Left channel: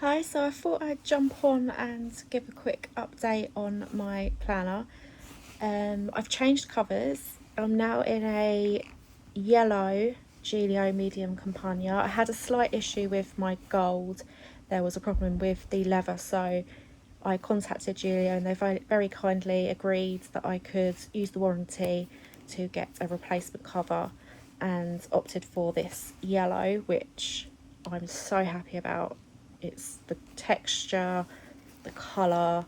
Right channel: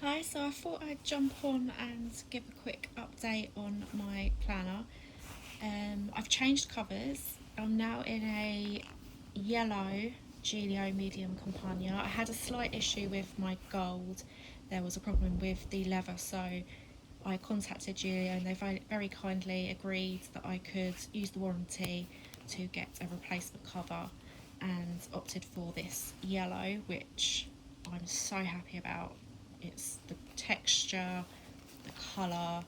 Hi, so I thought I'd jump on and give a quick update on my planner. I've changed covers. I'm now in a yellow Gillio medium Compagna. I had a slight issue with my gold. There was a problem with the leather, so I contacted Gillio and they very kindly agreed that I could use the warranty to get a replacement cover and opted for this yellow, which I'm so happy about. It's the texture, the colour,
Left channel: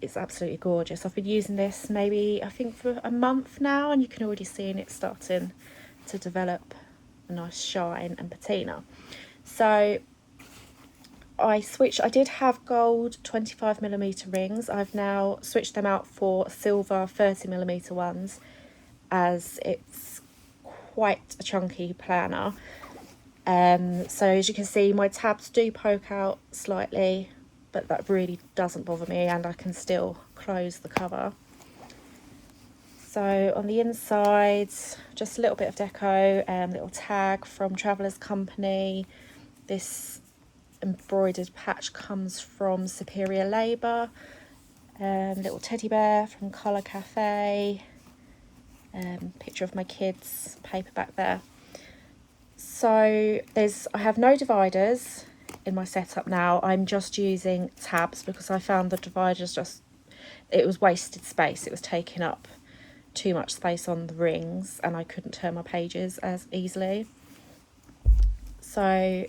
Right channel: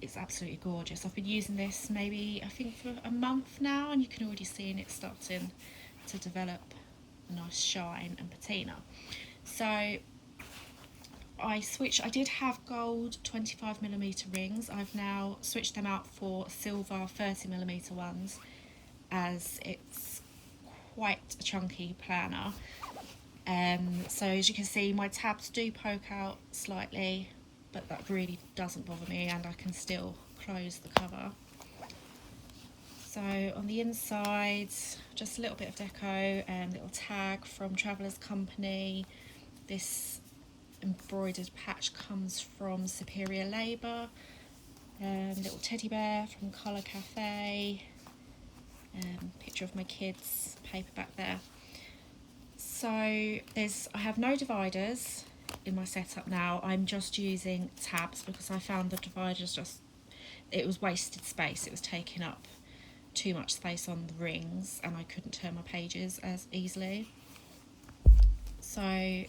it's absolutely gorgeous. I've been using this maybe I think for a month now, and you can already see it starting to develop a nice shine and patina. So I did have gold 25mm rings. I've now switched them out for silver 30mm ones, as it's quite a chunky planner. So as you can see, my tabs do poke out slightly, but that really doesn't bother me, and I can still close the cover. So on the inside, just a little bit of deco, little tag from Traveller's Company. This embroidered patch comes from Superior Labour. Little teddy bear from Colour Cafe. Picture of my kids, paperback there. So I have no dividers in my setup now. I'm just using tabs because I found the dividers it was wasted space. It was taking up too much space on the rings and I couldn't turn my pages as easily. So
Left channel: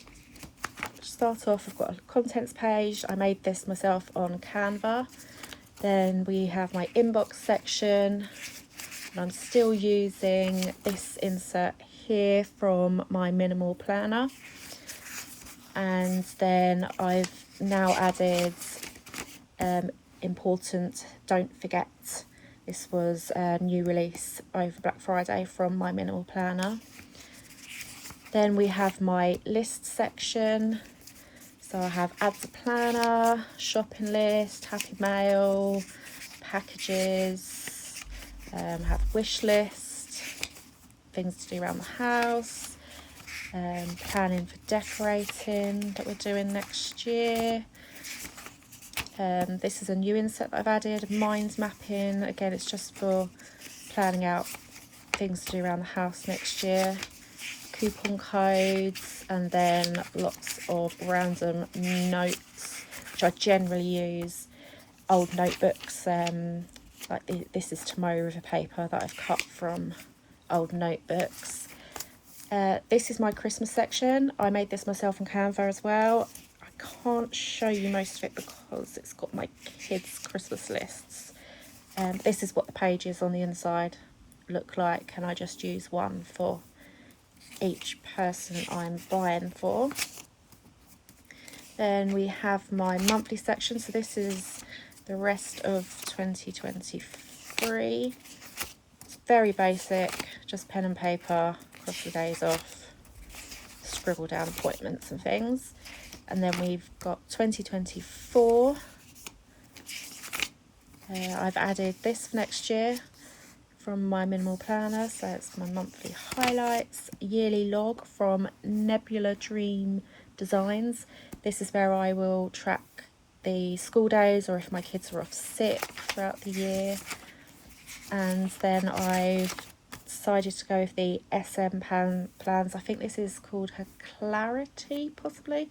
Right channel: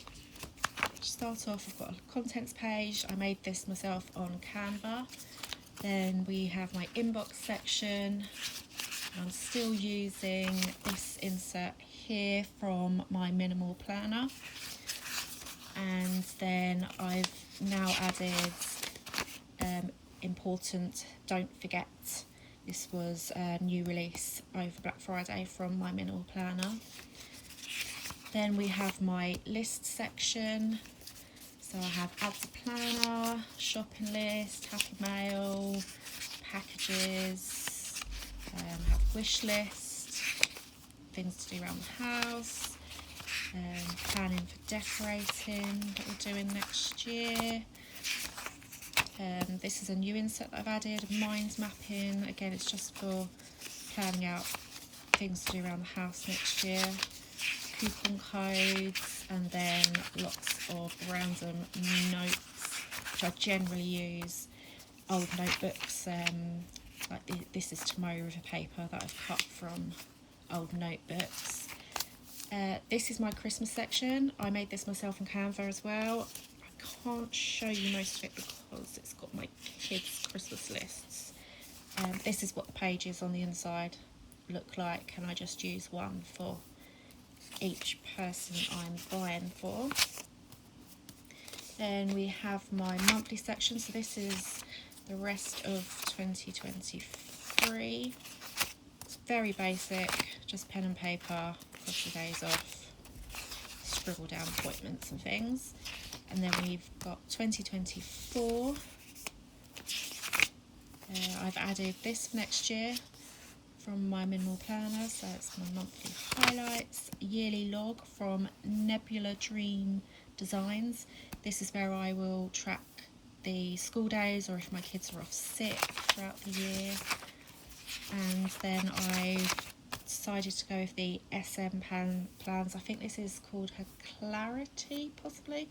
to start off, I've got a contents page. I made this myself on Canva. Then we have my inbox section, and I'm still using this insert here from my minimal planner. And then I've now added important don't forget. This was a new release over Black Friday from my minimal planner. Then we have my list section. So I have add to planner, shopping list, happy mail, packages, have wish list, things to do around the house, planning for decorating that we're doing next year. This is a new insert that I've added, mind mapping. Again, it's just for planning out things to do around the house next year. Coupon codes, and then lots of random notes, which I generally use. Old notebooks, like this is Tomorrow River paper that I've cut from old notebooks. This is my Christmas section. I made this myself on Canva as well. I can't show you most of it because it's got my kids' Christmas lists. This is what the pages on the inside look like, and I just use one for each person I'm buying for. Then we have my monthly section. So this is the rest of 2023. It's very basic, just pen and paper, cross your days off, scribble down appointments and things. And then we've got 2024. I've added this for next year from my minimal planner, so it's my monthly highlights. Yearly log from Nebula Dream Designs. This is where I will track the school days or if my kids are off sick throughout the year. And then I've decided to go with the SM plans. I think this is called her Clarity, possibly.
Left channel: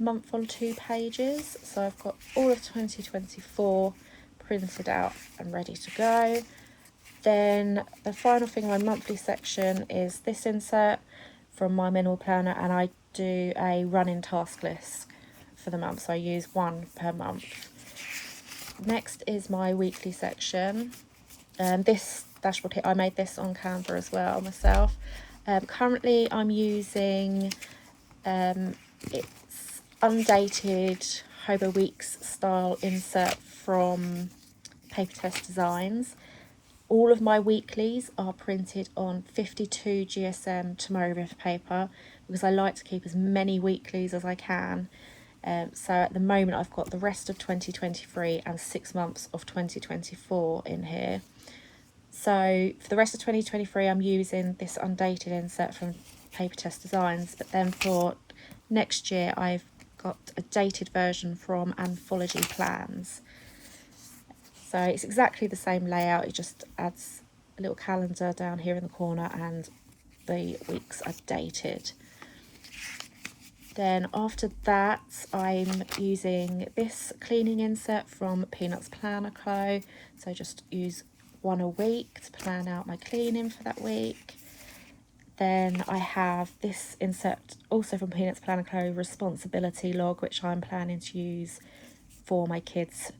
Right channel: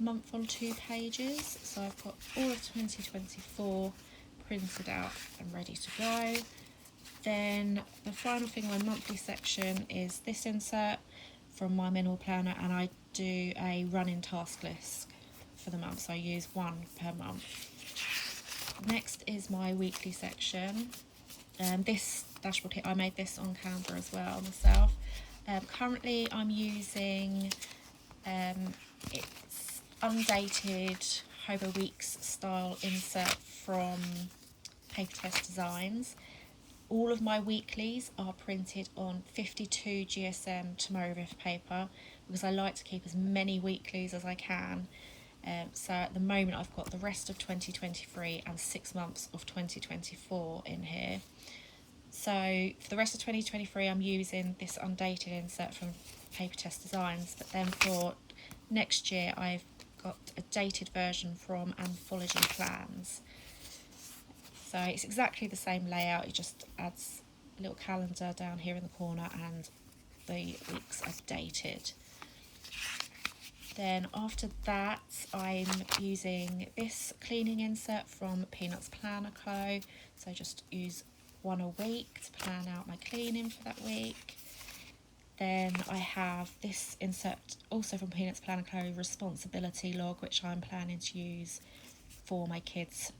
Month on 2 pages. So I've got all of 2024 printed out and ready to go. Then the final thing, my monthly section, is this insert from my minimal planner, and I do a running task list for the month, so I use one per month. Next is my weekly section. This dashboard here, I made this on Canva as well myself. Currently I'm using it's undated Hobo Weeks style insert from Paper Test Designs. All of my weeklies are printed on 52 GSM Tomorrow River paper because I like to keep as many weeklies as I can. So at the moment I've got the rest of 2023 and 6 months of 2024 in here. So for the rest of 2023 I'm using this undated insert from Paper Test Designs, but then for next year I've got a dated version from Anthology Plans. So it's exactly the same layout, it just adds a little calendar down here in the corner and the weeks are dated. Then after that, I'm using this cleaning insert from Peanuts Planner Co. So just use one a week to plan out my cleaning for that week. Then I have this insert also from Peanuts Planner Co. Responsibility log, which I'm planning to use for my kids'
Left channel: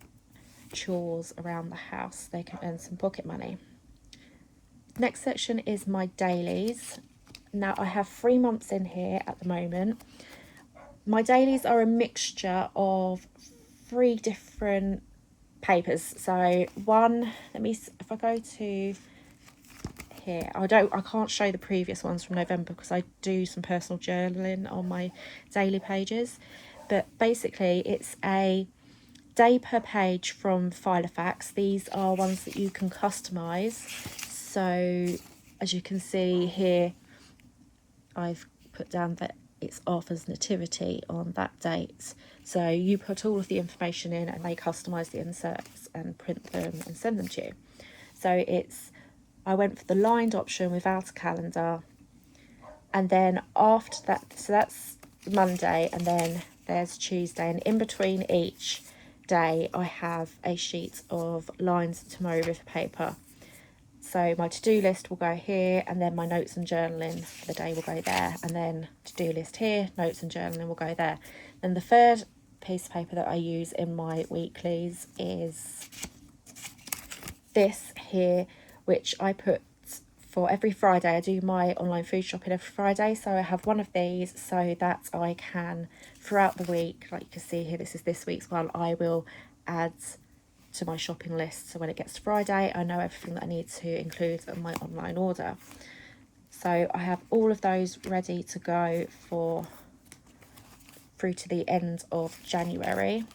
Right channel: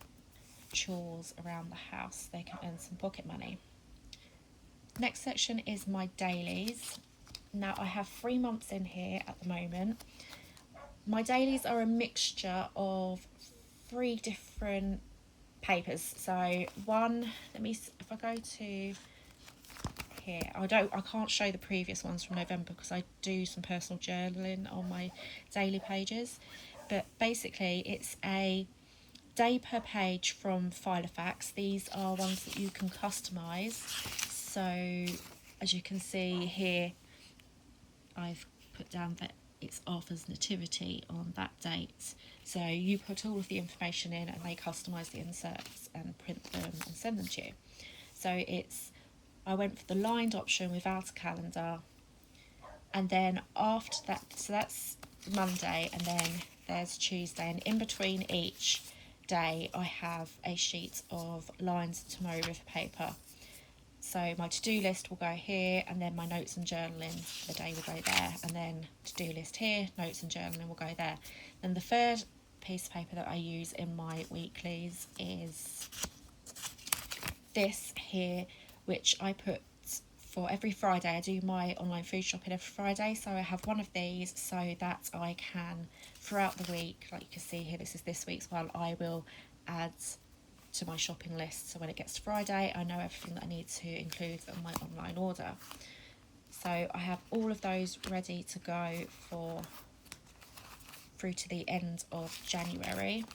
chores around the house. They can earn some pocket money. Next section is my dailies. Now I have 3 months in here at the moment. My dailies are a mixture of 3 different papers. So one, if I go to here, I can't show the previous ones from November because I do some personal journaling on my daily pages. But basically it's a day per page from Filofax. These are ones that you can customize. So as you can see here, I've put down that it's Arthur's nativity on that date. So you put all of the information in and they customize the inserts and print them and send them to you. So I went for the lined option without a calendar. And then after that, so that's Monday, and then there's Tuesday, and in between each day I have a sheet of lines tomograph paper. So my to-do list will go here, and then my notes and journaling for the day will go there, and then to-do list here, notes and journaling will go there. Then the third piece of paper that I use in my weeklies is this here, which I put for every Friday. I do my online food shopping every Friday, so I have one of these so that I can, throughout the week, like you can see here, this is this week's one, I will add to my shopping list, so when it gets to Friday I know everything that I need to include in my online order. So I have all of those ready to go through to the end of January.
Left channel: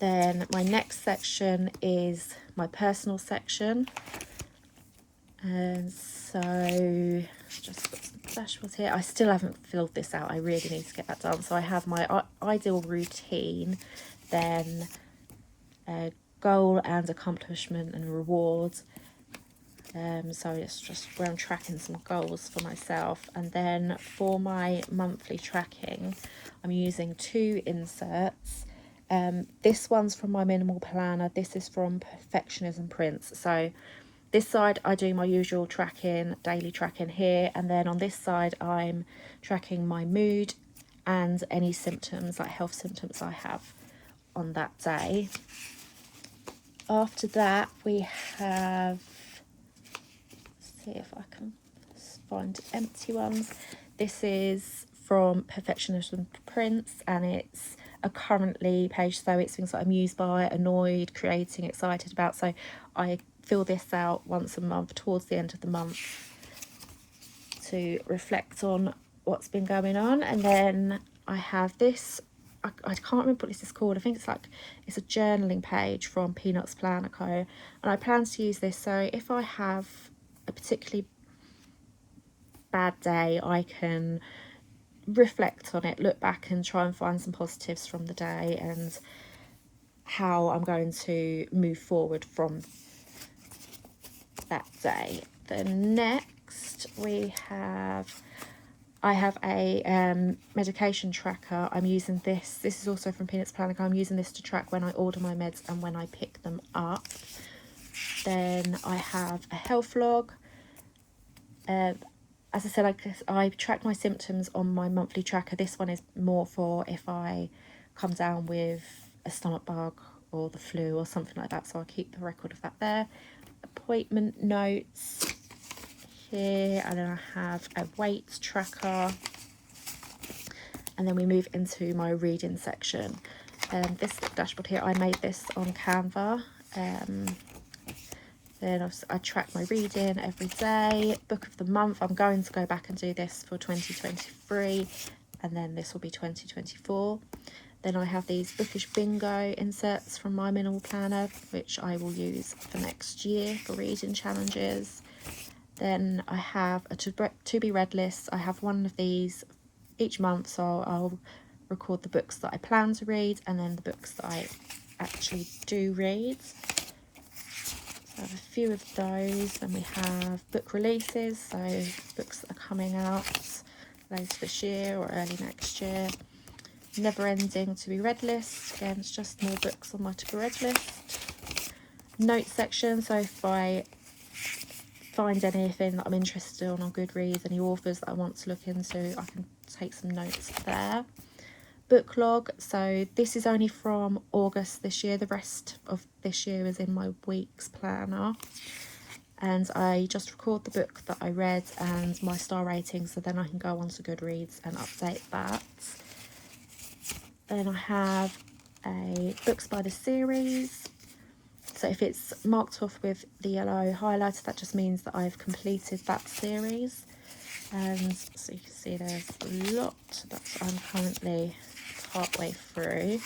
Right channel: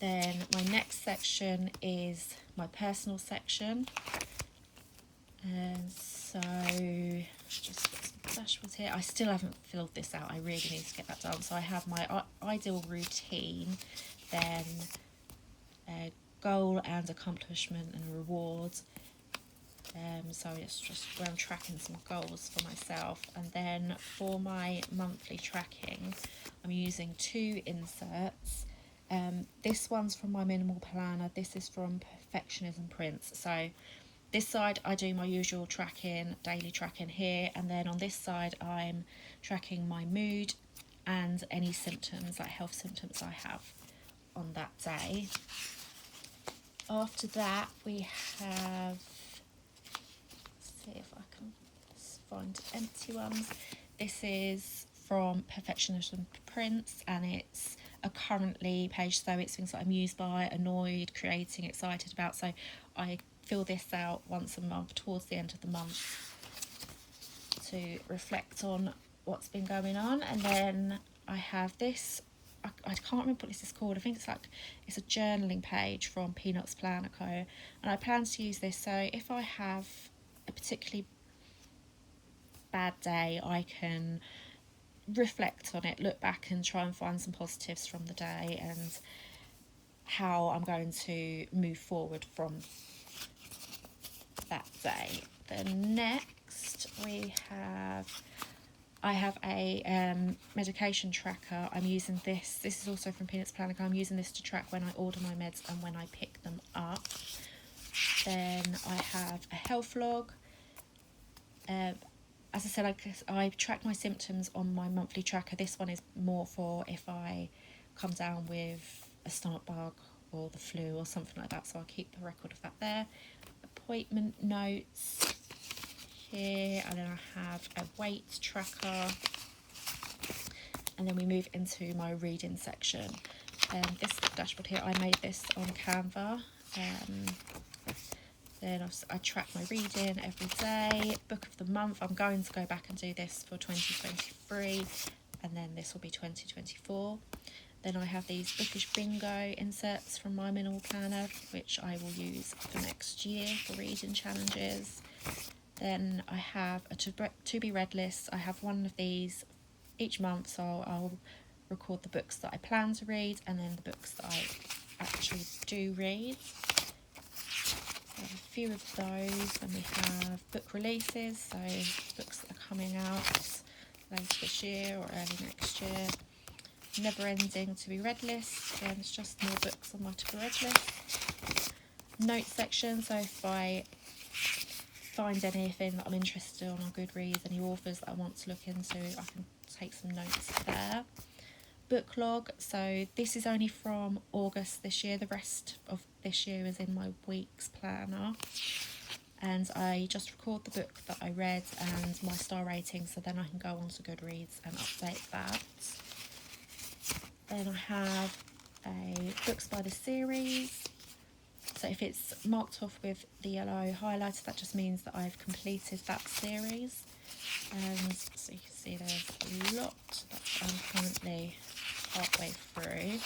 Then my next section is my personal section, and so just put some dashboards here. I still haven't filled this out, I really need to get that done. So I have my ideal routine, then goal and accomplishment and reward. So it's just where I'm tracking some goals for myself. And then for my monthly tracking, I'm using 2 inserts. This one's from my minimal planner, this is from Perfectionism Prints. So this side I do my usual tracking, daily tracking here, and then on this side I'm tracking my mood and any symptoms, like health symptoms I have on that day. After that we have, see if I can find empty ones. This is from Perfectionism Prints, and it's a currently page, so it's things that I'm amused by, annoyed, creating, excited about. So I fill this out once a month towards the end of the month to reflect on what's been going on. And then I have this, I can't remember what this is called. I think it's a journaling page from Peanuts Planner Co. And I plan to use this, so if I have a particularly bad day, I can reflect on it, look back and try and find some positives from the day and how I'm going to move forward from that day. Then next I have a medication tracker. I'm using this is also from Peanuts Planner. I'm using this to track when I order my meds and when I pick them up. Then I have a health log. As I said, I track my symptoms on my monthly tracker. This one is more for if I come down with a stomach bug or the flu or something like that, so I'll keep the record of that there. Appointment notes here, and then I have a weight tracker, and then we move into my reading section. This dashboard here, I made this on Canva. Then I track my reading every day. Book of the month, I'm going to go back and do this for 2023, and then this will be 2024. Then I have these bookish bingo inserts from my minimal planner, which I will use for next year for reading challenges. Then I have a to be read list. I have one of these each month, so I'll record the books that I plan to read and then the books that I actually do read. So I have a few of those. Then we have book releases, so books that are coming out later this year or early next year. Never ending to be read list, again it's just more books on my to be read list. Note section, so if I find anything that I'm interested in on Goodreads, any authors that I want to look into, I can take some notes there. Book log, so this is only from August this year, the rest of this year is in my week's planner, and I just record the book that I read and my star rating, so then I can go on to Goodreads and update that. Then I have a books by the series, so if it's marked off with the yellow highlighter, that just means that I've completed that series. And so you can see there's a lot that I'm currently partway through.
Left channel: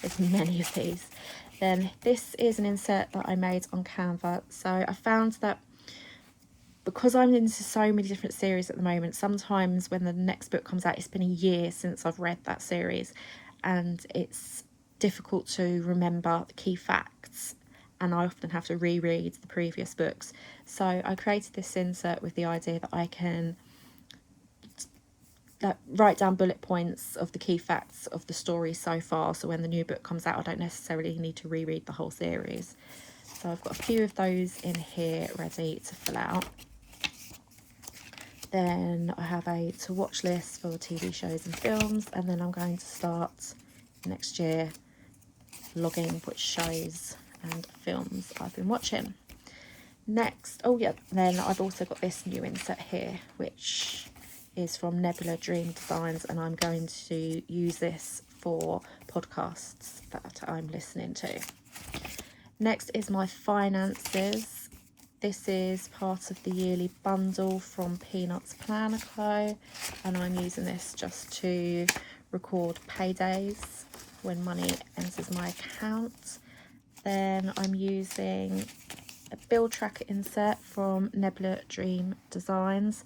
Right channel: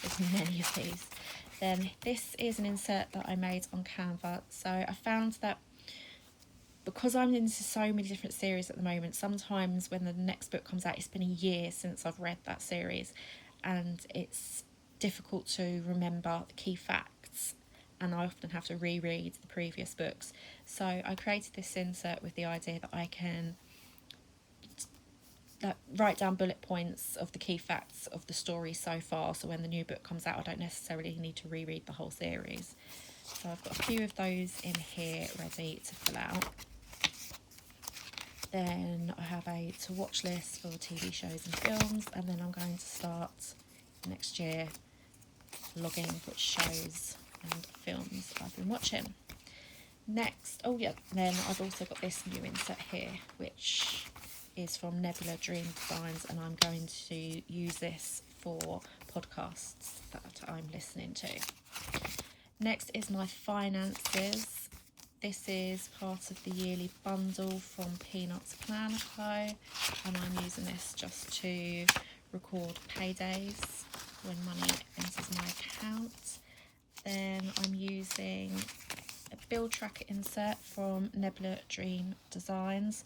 There's many of these. Then this is an insert that I made on Canva. So I found that because I'm into so many different series at the moment, sometimes when the next book comes out, it's been a year since I've read that series, and it's difficult to remember the key facts, and I often have to reread the previous books. So I created this insert with the idea that I can write down bullet points of the key facts of the story so far, so when the new book comes out I don't necessarily need to reread the whole series. So I've got a few of those in here ready to fill out. Then I have a to watch list for TV shows and films, and then I'm going to start next year logging which shows and films I've been watching. Next, oh yeah, then I've also got this new insert here, which is from Nebula Dream Designs, and I'm going to use this for podcasts that I'm listening to. Next is my finances. This is part of the yearly bundle from Peanuts Planner Co, and I'm using this just to record paydays when money enters my account. Then I'm using a bill tracker insert from Nebula Dream Designs.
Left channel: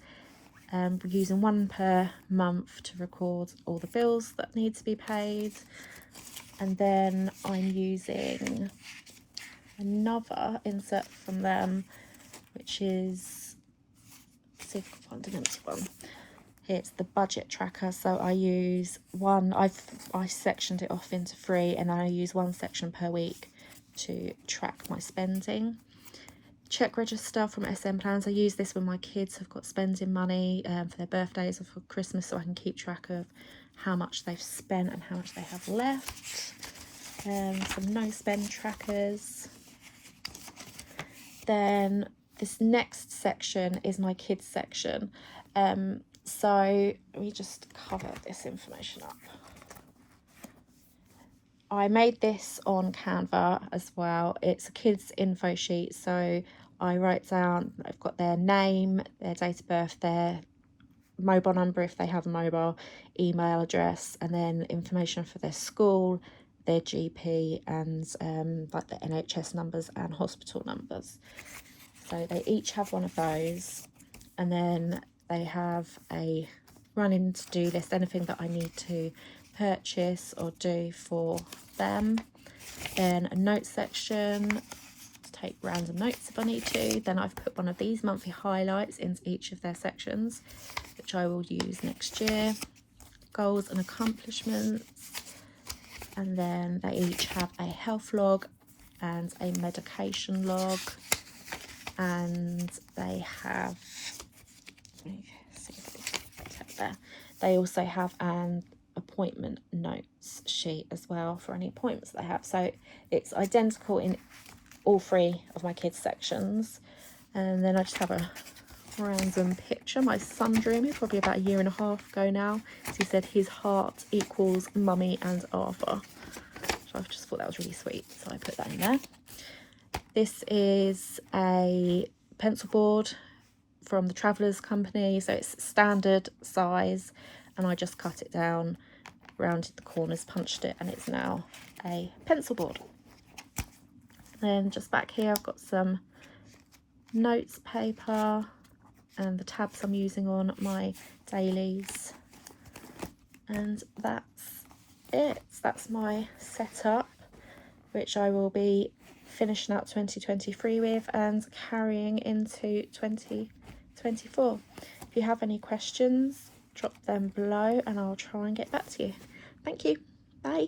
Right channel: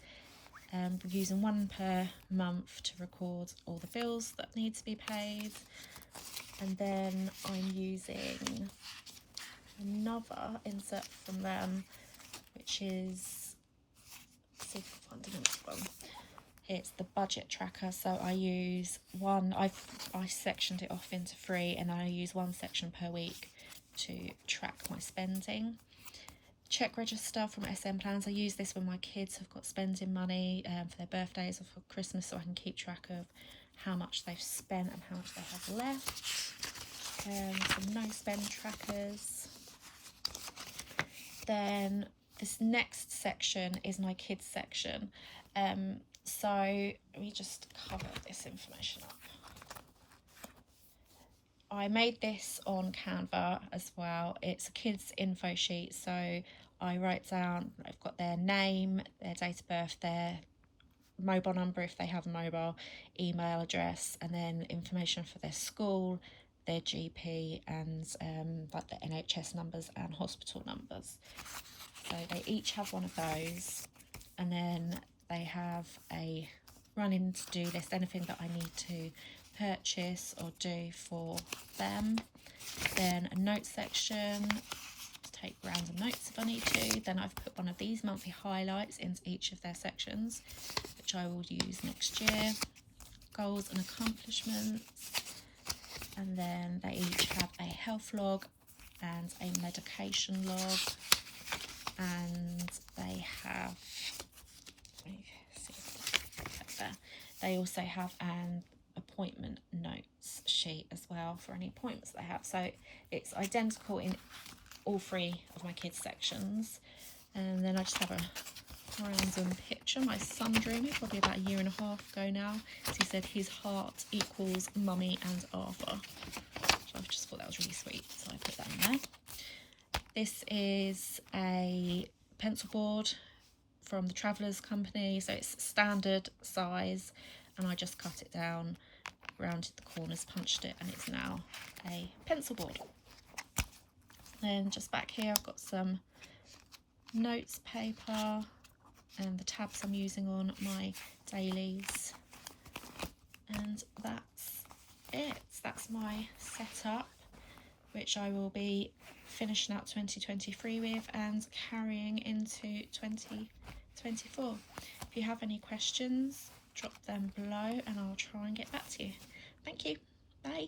We're using one per month to record all the bills that need to be paid. And then I'm using another insert from them, which is, let's see if I can find an empty one. It's the budget tracker. So I use one, I sectioned it off into 3, and I use one section per week to track my spending. Check register from SM Plans. I use this when my kids have got spending money for their birthdays or for Christmas, so I can keep track of how much they've spent and how much they have left. Some no spend trackers. Then this next section is my kids section. So let me just cover this information up. I made this on Canva as well. It's a kids info sheet, so I write down, I've got their name, their date of birth, their mobile number if they have a mobile, email address, and then information for their school, their GP, and like the NHS numbers and hospital numbers. So they each have one of those, and then they have a running to-do list, anything that I need to purchase or do for them. Then a note section to take random notes if I need to. Then I've put one of these monthly highlights into each of their sections, which I will use next year. Goals and accomplishments, and then they each have a health log and a medication log, and they have, they also have an appointment notes sheet as well for any appointments they have. So it's identical in all 3 of my kids sections. And then I just have a random picture my son drew me probably about 1.5 years ago now. So he said his heart equals Mummy and Arthur, so I just thought that was really sweet, so I put that in there. This is a pencil board from the Travellers Company, so it's standard size, and I just cut it down, rounded the corners, punched it, and it's now a pencil board. Then just back here I've got some notes paper and the tabs I'm using on my dailies. And that's it. That's my setup, which I will be finishing out 2023 with and carrying into 2024. If you have any questions, drop them below and I'll try and get back to you. Thank you. Bye.